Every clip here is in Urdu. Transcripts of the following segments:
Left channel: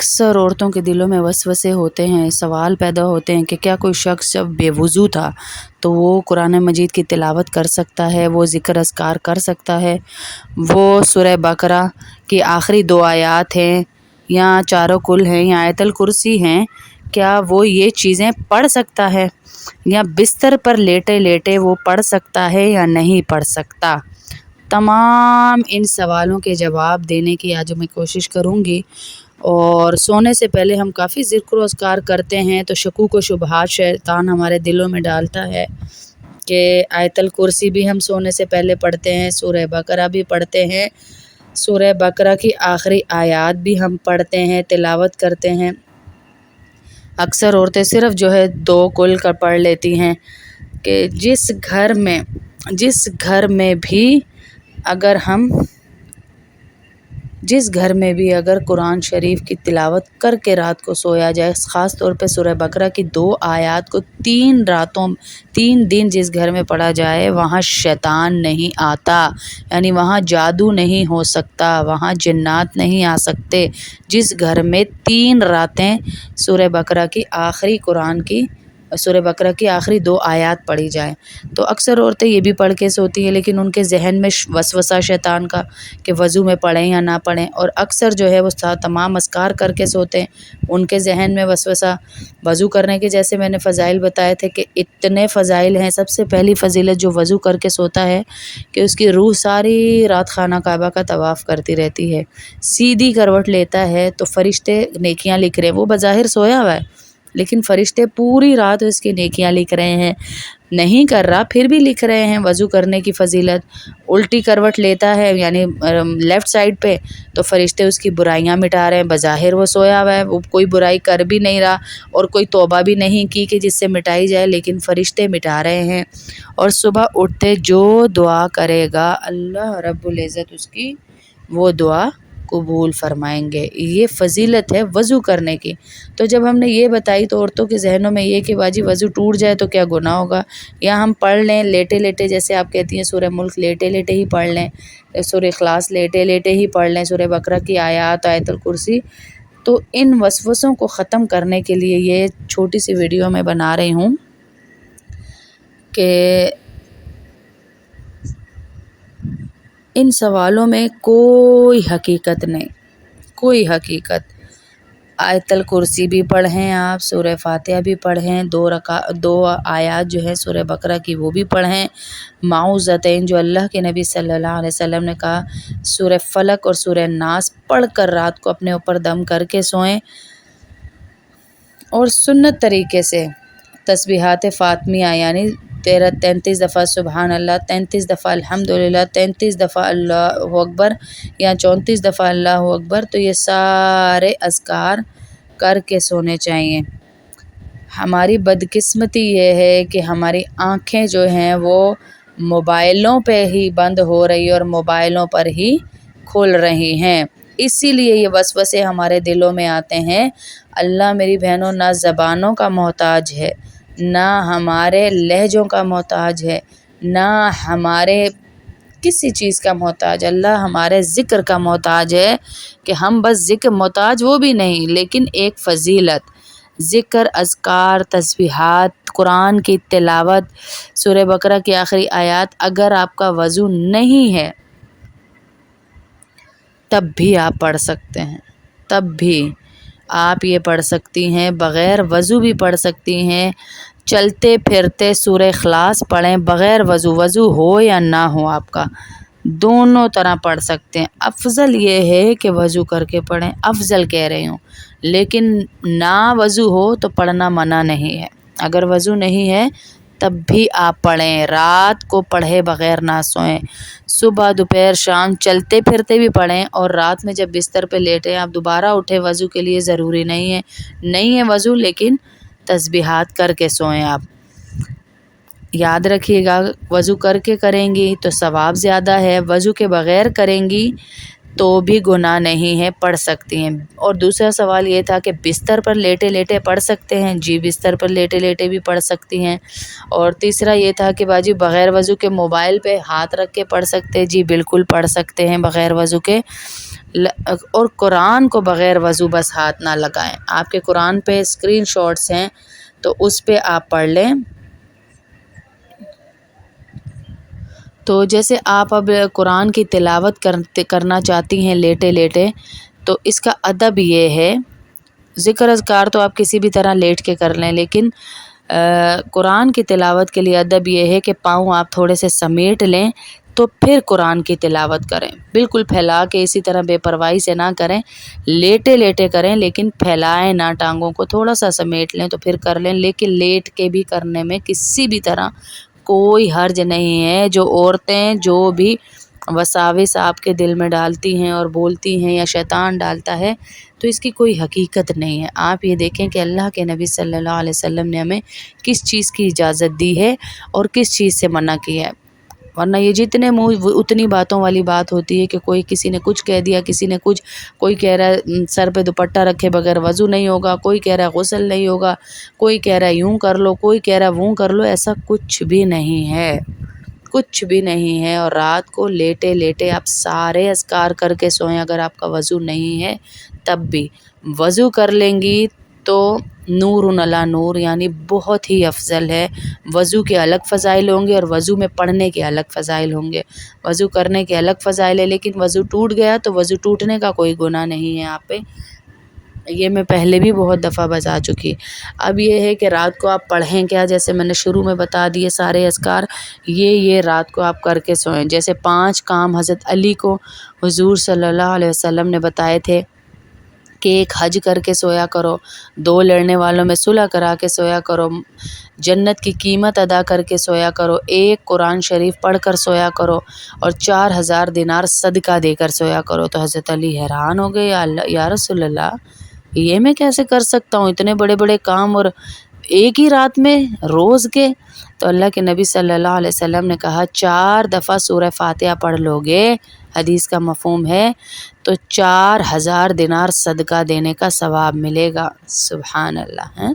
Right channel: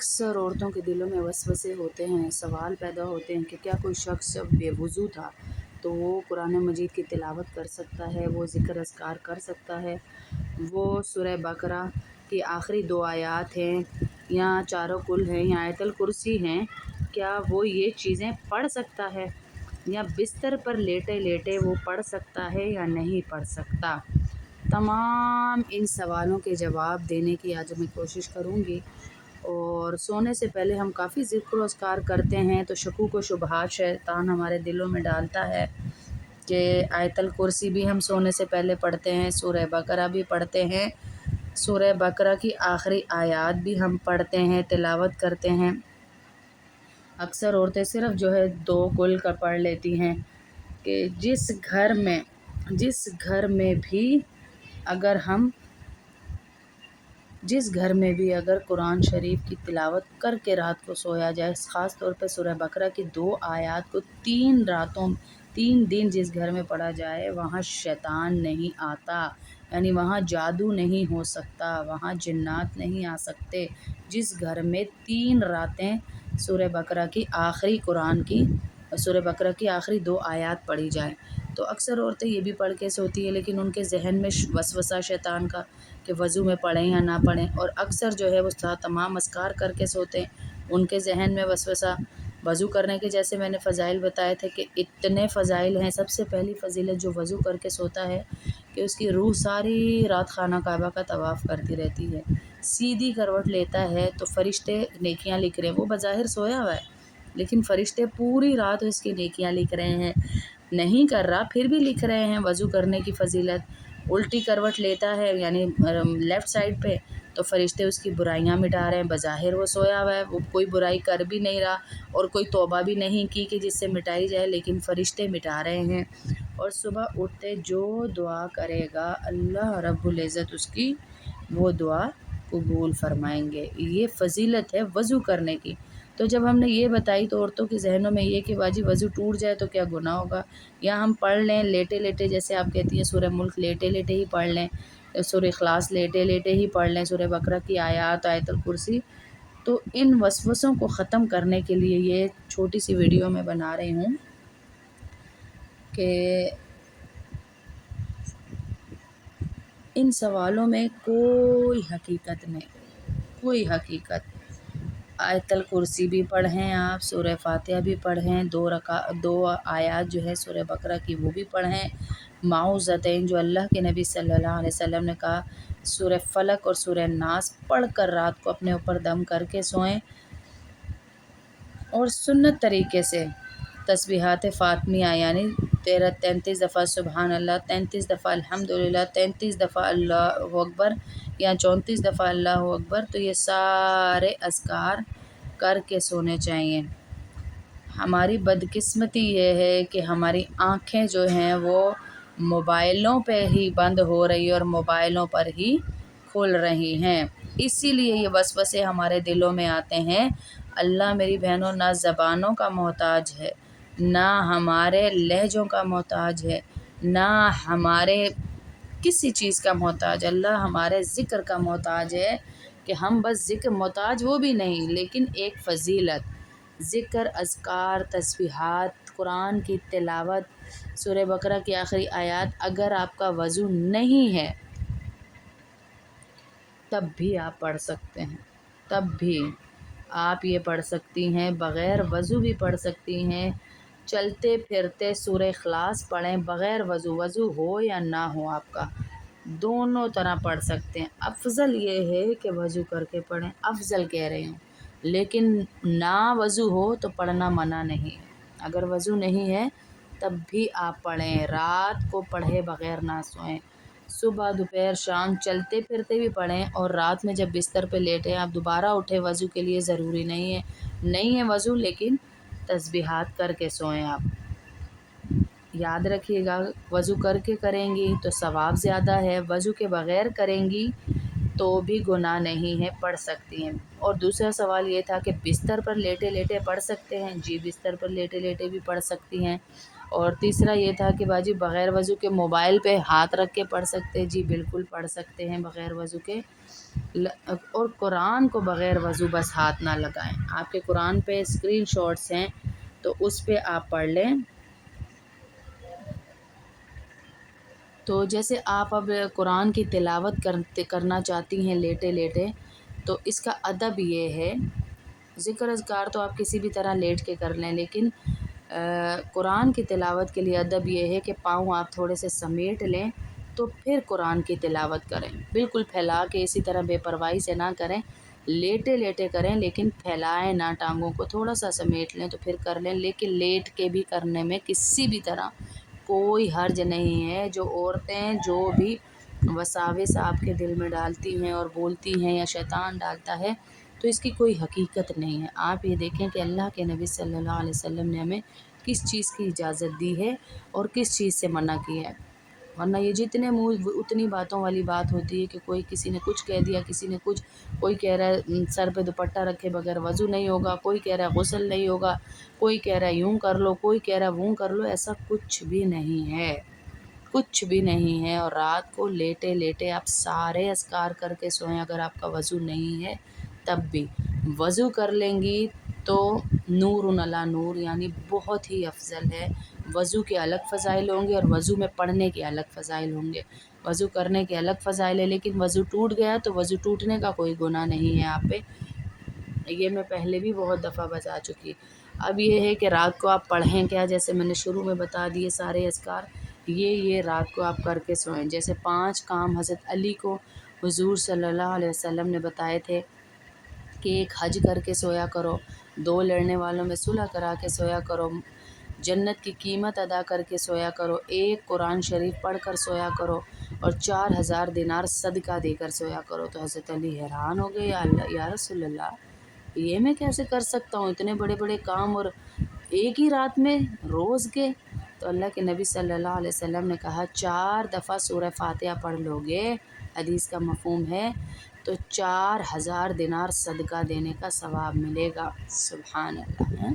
اکثر عورتوں کے دلوں میں وسوسے ہوتے ہیں، سوال پیدا ہوتے ہیں کہ کیا کوئی شخص جب بے وضو تھا تو وہ قرآن مجید کی تلاوت کر سکتا ہے، وہ ذکر اذکار کر سکتا ہے، وہ سورہ بقرہ کی آخری 2 آیات ہیں یا چاروں کل ہیں یا آیت الکرسی ہیں، کیا وہ یہ چیزیں پڑھ سکتا ہے یا بستر پر لیٹے لیٹے وہ پڑھ سکتا ہے یا نہیں پڑھ سکتا؟ تمام ان سوالوں کے جواب دینے کی آج میں کوشش کروں گی۔ اور سونے سے پہلے ہم کافی ذکر و اذکار کرتے ہیں تو شکوک و شبہات شیطان ہمارے دلوں میں ڈالتا ہے کہ آیت الکرسی بھی ہم سونے سے پہلے پڑھتے ہیں، سورہ بقرہ بھی پڑھتے ہیں، سورہ بقرہ کی آخری آیات بھی ہم پڑھتے ہیں، تلاوت کرتے ہیں۔ اکثر عورتیں صرف 2 کل کا پڑھ لیتی ہیں کہ جس گھر میں بھی اگر قرآن شریف کی تلاوت کر کے رات کو سویا جائے، خاص طور پہ سورہ بقرہ کی 2 آیات کو 3 دن جس گھر میں پڑھا جائے وہاں شیطان نہیں آتا، یعنی وہاں جادو نہیں ہو سکتا، وہاں جنات نہیں آ سکتے۔ جس گھر میں 3 راتیں سورہ بقرہ کی آخری 2 آیات پڑھی جائیں تو اکثر عورتیں یہ بھی پڑھ کے سوتی ہیں، لیکن ان کے ذہن میں وسوسہ شیطان کا کہ وضو میں پڑھیں یا نہ پڑھیں، اور اکثر وہ تمام اذکار کر کے سوتے ہیں، ان کے ذہن میں وسوسہ۔ وضو کرنے کے جیسے میں نے فضائل بتائے تھے کہ اتنے فضائل ہیں۔ سب سے پہلی فضیلت جو وضو کر کے سوتا ہے کہ اس کی روح ساری رات خانہ کعبہ کا طواف کرتی رہتی ہے، سیدھی کروٹ لیتا ہے تو فرشتے نیکیاں لکھ رہے ہیں، وہ بظاہر سویا ہوا ہے لیکن فرشتے پوری رات اس کی نیکیاں لکھ رہے ہیں، نہیں کر رہا پھر بھی لکھ رہے ہیں۔ وضو کرنے کی فضیلت، الٹی کروٹ لیتا ہے یعنی لیفٹ سائڈ پہ تو فرشتے اس کی برائیاں مٹا رہے ہیں، بظاہر وہ سویا ہوا ہے، وہ کوئی برائی کر بھی نہیں رہا اور کوئی توبہ بھی نہیں کی کہ جس سے مٹائی جائے، لیکن فرشتے مٹا رہے ہیں۔ اور صبح اٹھتے جو دعا کرے گا اللہ رب العزت اس کی وہ دعا قبول فرمائیں گے۔ یہ فضیلت ہے وضو کرنے کی۔ تو جب ہم نے یہ بتائی تو عورتوں کے ذہنوں میں یہ کہ باجی وضو ٹوٹ جائے تو کیا گناہ ہوگا، یا ہم پڑھ لیں لیٹے لیٹے، جیسے آپ کہتی ہیں سورہ ملک لیٹے لیٹے ہی پڑھ لیں، سورہ اخلاص لیٹے لیٹے ہی پڑھ لیں، سورہ بقرہ کی آیات، آیت الکرسی۔ تو ان وسوسوں کو ختم کرنے کے لیے یہ چھوٹی سی ویڈیو میں بنا رہی ہوں کہ ان سوالوں میں کوئی حقیقت نہیں، کوئی حقیقت۔ آیت الکرسی بھی پڑھیں، آپ سورہ فاتحہ بھی پڑھیں، 2 آیات جو ہیں سورہ بقرہ کی وہ بھی پڑھیں، معوذتین جو اللہ کے نبی صلی اللہ علیہ وسلم نے کہا، سورہ فلق اور سورہ ناس پڑھ کر رات کو اپنے اوپر دم کر کے سوئیں، اور سنت طریقے سے تسبیحات فاطمیہ یعنی 33 دفعہ سبحان اللہ، 33 دفعہ الحمدللہ، 33 دفعہ اللہ اکبر یا 34 دفعہ اللہ اکبر، تو یہ سارے اذکار کر کے سونے چاہیے۔ ہماری بدقسمتی یہ ہے کہ ہماری آنکھیں جو ہیں وہ موبائلوں پہ ہی بند ہو رہی اور موبائلوں پر ہی کھل رہی ہیں، اسی لیے یہ وسوسے ہمارے دلوں میں آتے ہیں۔ اللہ میری بہنوں نہ زبانوں کا محتاج ہے، نہ ہمارے لہجوں کا محتاج ہے، نہ ہمارے کسی چیز کا محتاج، اللہ ہمارے ذکر کا محتاج ہے کہ ہم بس ذکر محتاج وہ بھی نہیں، لیکن ایک فضیلت ذکر، اذکار، تسبیحات، قرآن کی تلاوت، سورہ بقرہ کی آخری آیات۔ اگر آپ کا وضو نہیں ہے تب بھی آپ پڑھ سکتے ہیں، تب بھی آپ یہ پڑھ سکتی ہیں، بغیر وضو بھی پڑھ سکتی ہیں، چلتے پھرتے سورہ اخلاص پڑھیں بغیر وضو ہو یا نہ ہو، آپ کا دونوں طرح پڑھ سکتے ہیں۔ افضل یہ ہے کہ وضو کر کے پڑھیں، افضل کہہ رہی ہوں، لیکن نہ وضو ہو تو پڑھنا منع نہیں ہے۔ اگر وضو نہیں ہے تب بھی آپ پڑھیں، رات کو پڑھے بغیر نہ سوئیں، صبح دوپہر شام چلتے پھرتے بھی پڑھیں، اور رات میں جب بستر پہ لیٹیں آپ دوبارہ اٹھیں وضو کے لیے، ضروری نہیں ہے وضو، لیکن تسبیحات کر کے سوئیں۔ آپ یاد رکھیے گا وضو کر کے کریں گی تو ثواب زیادہ ہے، وضو کے بغیر کریں گی تو بھی گناہ نہیں ہے، پڑھ سکتی ہیں۔ اور دوسرا سوال یہ تھا کہ بستر پر لیٹے لیٹے پڑھ سکتے ہیں، جی بستر پر لیٹے لیٹے بھی پڑھ سکتی ہیں۔ اور تیسرا یہ تھا کہ باجی بغیر وضو کے موبائل پہ ہاتھ رکھ کے پڑھ سکتے ہیں، جی بالکل پڑھ سکتے ہیں بغیر وضو کے۔ اور قرآن کو بغیر وضو بس ہاتھ نہ لگائیں۔ آپ کے قرآن پہ اسکرین شاٹس ہیں تو اس پہ آپ پڑھ لیں۔ تو جیسے آپ اب قرآن کی تلاوت کرنا چاہتی ہیں لیٹے لیٹے، تو اس کا ادب یہ ہے، ذکر اذکار تو آپ کسی بھی طرح لیٹ کے کر لیں، لیکن قرآن کی تلاوت کے لیے ادب یہ ہے کہ پاؤں آپ تھوڑے سے سمیٹ لیں تو پھر قرآن کی تلاوت کریں۔ بالکل پھیلا کے اسی طرح بے پرواہی سے نہ کریں، لیٹے لیٹے کریں، لیکن پھیلائیں نہ ٹانگوں کو، تھوڑا سا سمیٹ لیں تو پھر کر لیں، لیکن لیٹ کے بھی کرنے میں کسی بھی طرح کوئی حرج نہیں ہے۔ جو عورتیں جو بھی وساوس آپ کے دل میں ڈالتی ہیں اور بولتی ہیں یا شیطان ڈالتا ہے، تو اس کی کوئی حقیقت نہیں ہے۔ آپ یہ دیکھیں کہ اللہ کے نبی صلی اللہ علیہ وسلم نے ہمیں کس چیز کی اجازت دی ہے اور کس چیز سے منع کیا ہے، ورنہ یہ جتنے منہ اتنی باتوں والی بات ہوتی ہے کہ کوئی کسی نے کچھ کہہ دیا، کسی نے کچھ، کوئی کہہ رہا ہے سر پہ دوپٹہ رکھے بغیر وضو نہیں ہوگا، کوئی کہہ رہا ہے غسل نہیں ہوگا، کوئی کہہ رہا ہے یوں کر لو، کوئی کہہ رہا ہے وہ کر لو۔ ایسا کچھ بھی نہیں ہے، کچھ بھی نہیں ہے۔ اور رات کو لیٹے لیٹے آپ سارے اذکار کر کے سوئیں، اگر آپ کا وضو نہیں ہے تب بھی۔ وضو کر لیں گی تو نور علی نور، یعنی بہت ہی افضل ہے۔ وضو کے الگ فضائل ہوں گے اور وضو میں پڑھنے کے الگ فضائل ہوں گے۔ وضو کرنے کے الگ فضائل ہے، لیکن وضو ٹوٹ گیا تو وضو ٹوٹنے کا کوئی گناہ نہیں ہے آپ پہ، یہ میں پہلے بھی بہت دفعہ بتا چکی۔ اب یہ ہے کہ رات کو آپ پڑھیں کیا، جیسے میں نے شروع میں بتا دیے سارے اذکار، یہ رات کو آپ کر کے سوئیں۔ جیسے 5 کام حضرت علی کو حضور صلی اللہ علیہ وسلم نے بتائے تھے کہ ایک حج کر کے سویا کرو، 2 لڑنے والوں میں صلح کرا کے سویا کرو، جنت کی قیمت ادا کر کے سویا کرو، 1 قرآن شریف پڑھ کر سویا کرو، اور 4000 دینار صدقہ دے کر سویا کرو۔ تو حضرت علی حیران ہو گئے، یا رسول اللہ، یہ میں کیسے کر سکتا ہوں اتنے بڑے بڑے کام اور ایک ہی رات میں روز کے؟ تو اللہ کے نبی صلی اللہ علیہ وسلم نے کہا 4 دفعہ سورہ فاتحہ پڑھ لو گے، حدیث کا مفہوم ہے، تو 4000 دینار صدقہ دینے کا ثواب ملے گا۔ سبحان اللہ۔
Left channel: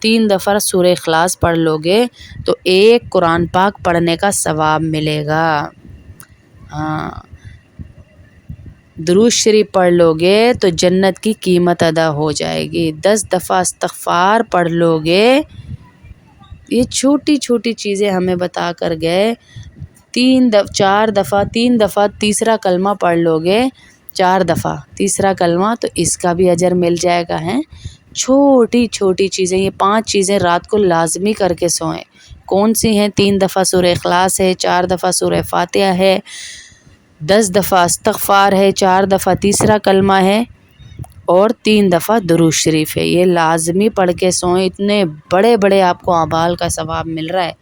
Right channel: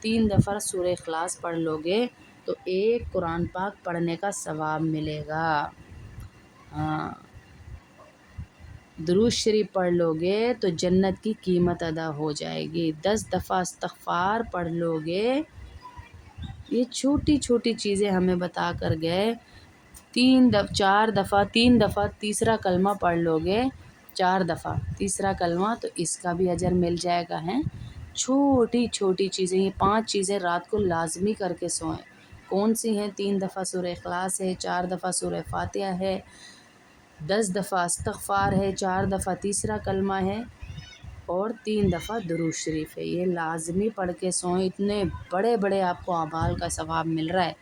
3 دفعہ سورہ اخلاص پڑھ لو گے تو 1 قرآن پاک پڑھنے کا ثواب ملے گا۔ ہاں، درود شریف پڑھ لو گے تو جنت کی قیمت ادا ہو جائے گی۔ 10 دفعہ استغفار پڑھ لو گے، یہ چھوٹی چھوٹی چیزیں ہمیں بتا کر گئے۔ 4 دفعہ 3 دفعہ تیسرا کلمہ پڑھ لو گے، 4 دفعہ تیسرا کلمہ، تو اس کا بھی اجر مل جائے گا۔ چھوٹی چھوٹی چیزیں، یہ 5 چیزیں رات کو لازمی کر کے سوئیں۔ کون سی ہیں؟ 3 دفعہ سورہ اخلاص ہے، 4 دفعہ سورہ فاتحہ ہے، 10 دفعہ استغفار ہے، 4 دفعہ تیسرا کلمہ ہے، اور 3 دفعہ درود شریف ہے۔ یہ لازمی پڑھ کے سوئیں، اتنے بڑے بڑے آپ کو اعمال کا ثواب مل رہا ہے۔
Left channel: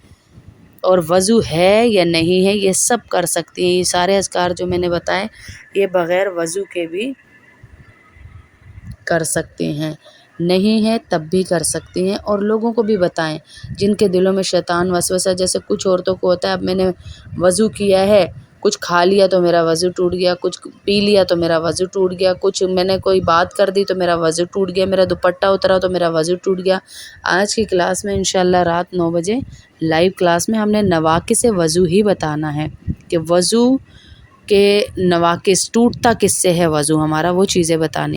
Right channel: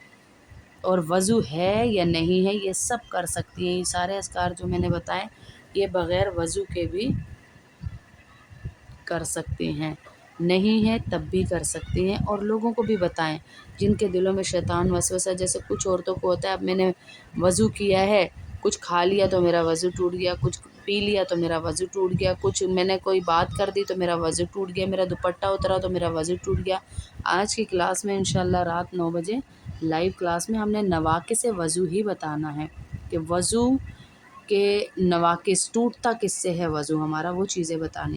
اور وضو ہے یا نہیں ہے یہ سب کر سکتی ہیں۔ یہ سارے اذکار جو میں نے بتائے یہ بغیر وضو کے بھی کر سکتے ہیں، نہیں ہے تب بھی کر سکتی ہیں۔ اور لوگوں کو بھی بتائیں جن کے دلوں میں شیطان وسوسہ، جیسے کچھ عورتوں کو ہوتا ہے اب میں نے وضو کیا ہے، کچھ کھا لیا تو میرا وضو ٹوٹ گیا، کچھ پی لیا تو میرا وضو ٹوٹ گیا، کچھ میں نے کوئی بات کر دی تو میرا وضو ٹوٹ گیا، میرا دوپٹہ اترا تو میرا وضو ٹوٹ گیا۔ آج کی کلاس میں انشاءاللہ رات 9 بجے لائیو کلاس میں ہم نے نواقص وضو ہی بتانا ہے کہ وضو کے نواقص، ٹوٹتا کس سے ہے وضو ہمارا، وہ چیزیں بتانی۔